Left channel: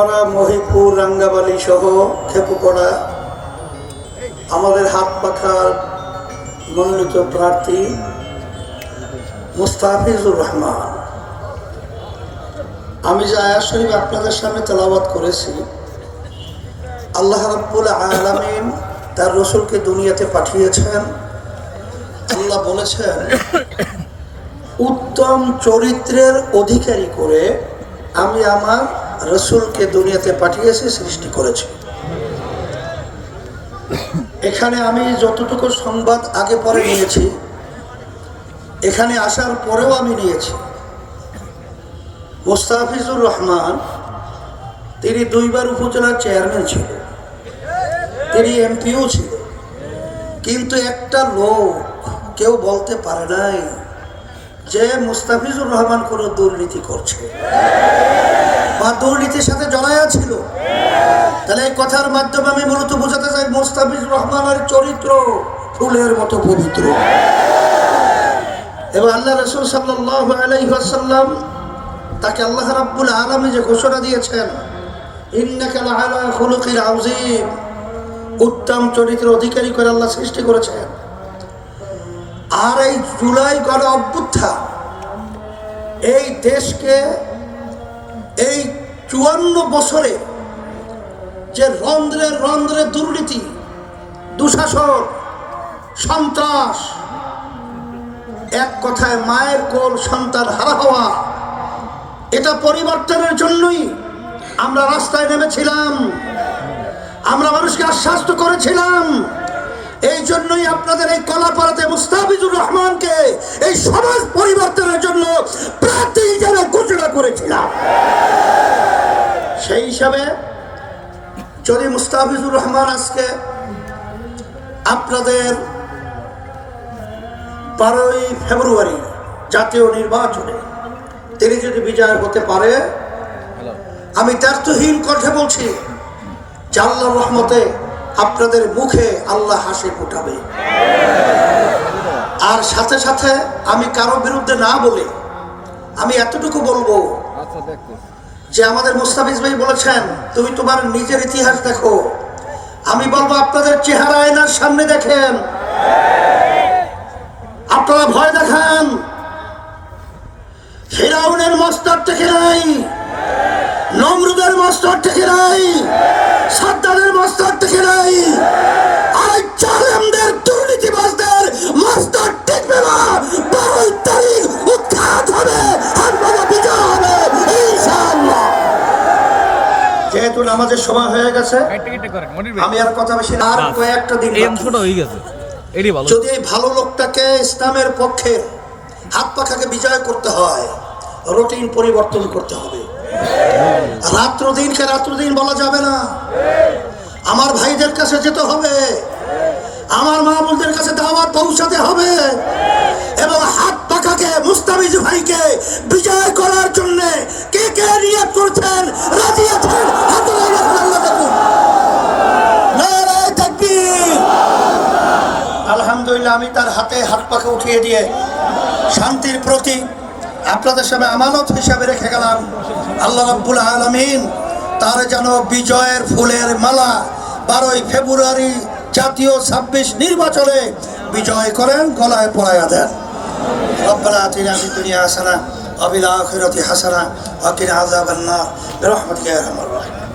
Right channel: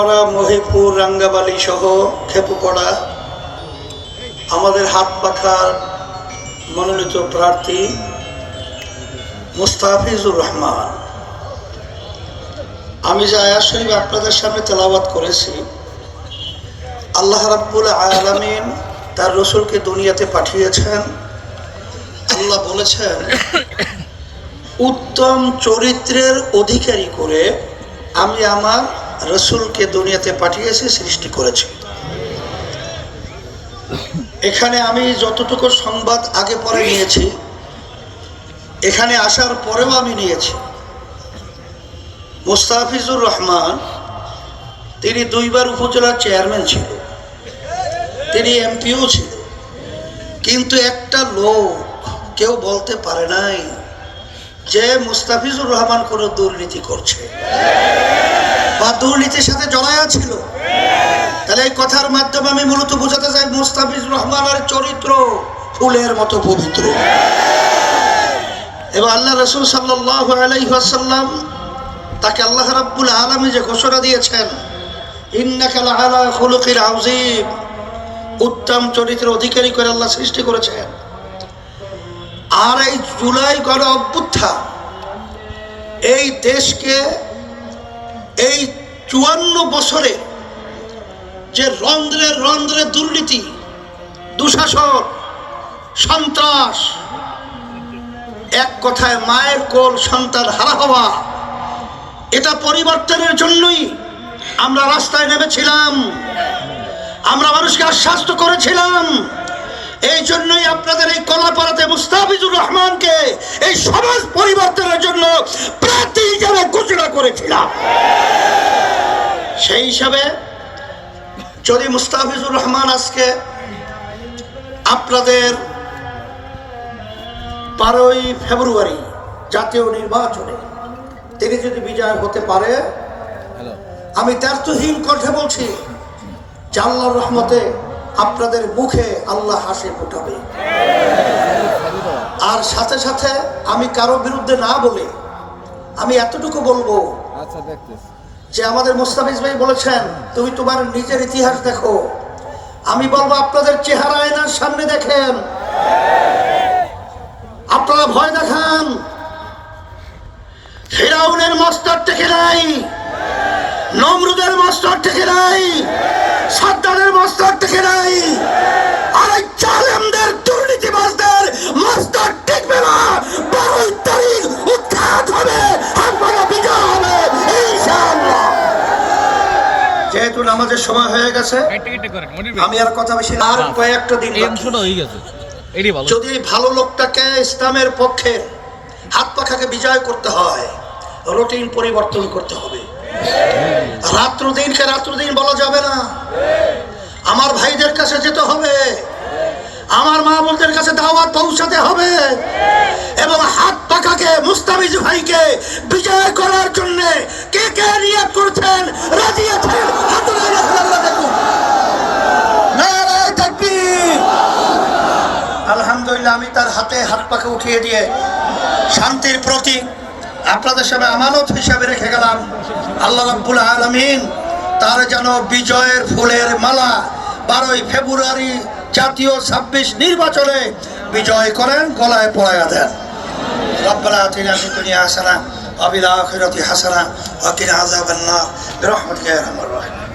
ভাঙ্গাপাড়া, মহিপুর, রাঙ্গাবালি সহ খেপুপাড়া আমাদের হাত পাখার মনোনীত প্রার্থী মুস্তাফিজুর রহমান। আমি যে আয়াত শরীফ আপনাদের সামনে তেলাওয়াত করেছি, আল্লাহ রাব্বুল আলামিন তার রসুলকে দুনিয়াতে পাঠিয়েছেন। আল্লাহ বলেছেন উত্তম চরিত্রের অধিকারী করে আমি আমার রসুলকে দুনিয়াতে পাঠিয়েছি, সৃষ্টি করেছি। এখানে আমি যতটুকু সংবাদ আগে পরে নিয়েছি, এখানে আসার পরেও আমি নিয়েছি। মুস্তাফিজুর রহমান তিনি 2 বার উপজেলার চেয়ারম্যান ছিল, তিনি এমপিও ছিল, কিন্তু একটা লোক কেউ বলতে পারে নাই যে মুস্তাফিজুর রহমান কোনো দুর্নীতি করছে বা দুর্নীতির সাথে জড়ায়া ছিল। তাহলে এই কথার মাধ্যমে আমি মূলত বোঝাতে চাই মুস্তাফিজুর রহমানের চরিত্র ফুলের মতো পবিত্র। এবং আল্লাহ রাসূল সাল্লাল্লাহু আলাইহি ওয়াসাল্লাম তাকে আল্লাহ রাব্বুল আলামিন যে ঘোষণা দিয়েছেন ইন্নাকা লাআলা খুলুকিল আযীম, উত্তম চরিত্রের অধিকারী করে আল্লাহ সৃষ্টি করেছেন। আর এই জুলাই গণ অভ্যুত্থান এই দেশকে এই 54 বছরে যে রন্ধ্রে রন্ধ্রে দুর্নীতি, দুঃশাসন, সন্ত্রাস, এক কথায় মায়ের কোল সন্তান হারা হওয়া, এটা পরিবর্তনের জন্যই আমরা রাস্তায় নেমেছিলাম, আমরা মানুষকে আশ্বস্ত করেছিলাম। এই জন্যই আপনাদের এই কলাপাড়াতে মুস্তাফিজুর রহমানকে এই সমাজ পরিবর্তনের জন্য প্রার্থী হিসেবে ঘোষণা করেছিলাম। সেই হিসাবে যদি মুস্তাফিজুর রহমান আজকে আপনাদের 12ই ফেব্রুয়ারি জাতীয় নির্বাচনে তিনি যদি বিজয় হতে পারে, আমি দ্ব্যর্থহীন কণ্ঠে বলছি যে আল্লাহর রহমতে আপনাদের মুখে আল্লাহ হাসি ফোটাবে। আর সাথে সাথে আমি কারো বিরুদ্ধে না বলে আমি এতটুকু বলবো যে আমাদের মুস্তাফিজ ভাই বলেছেন তুমি তোমার নিজের ইতিহাস দেখো। আমি বলবো আপনাদের চেহারা আয়নার সামনে দেখেন, আপনারা ভয় দেখান। ফিরাউনের মাস্টার থেকে নাই, নমরুদের মাস্টার থেকে নাই, সাদ্দামের মাস্টার থেকে নাই, আর জালেমদের দুর্নীতিবাজদের মাস্টার টিকবে না। 12 তারিখ উৎখাত হবে, আপনারা বিজয় হবে ইনশাআল্লাহ। যেহেতু নামাজের সময় হয়ে গেছে আমি আর কথা বেশি না, আর কয়েকটা দিন যদি এই ভালো লোকটাকে ইসলামের পক্ষে হাত পাখাকে বিজয় করতে হয়, রুটিন পরিবর্তন করতে হবে। রাত্র দিনকে রাত্র দিন বলা যাবে না। আমার ভাইদের কাছে যেতে হবে, আমার মা বোনদের কাছে দাওয়াত পৌঁছাতে হবে এবং হাত পাখাকে মুস্তাফিজ ভাইকে বিজয় করার জন্য কে কে নিয়ত করছেন, রাজি আছেন? আলহামদুলিল্লাহ, আমি তার হাতে হাত পাখা উঠিয়ে দিয়ে শান্তির প্রতীক আপনাদের সামনে আমানত হিসাবে রেখে গেলাম। আল্লাহ রাব্বুল আলামিন তার যেন বিজয়ের ফুলের মালা 12ই ফেব্রুয়ারি জাতীয় 26 নির্বাচনে বিজয় করেন, গলায় পরায়া দেন। রব্বানা আতিনা ফিদ দুনিয়া হাসানাহ ওয়া ফিল আখিরাতি হাসানাহ ওয়া কিনা আযাবান নার বিরহমাতিকা ইয়া আরহামার রাহিমিন।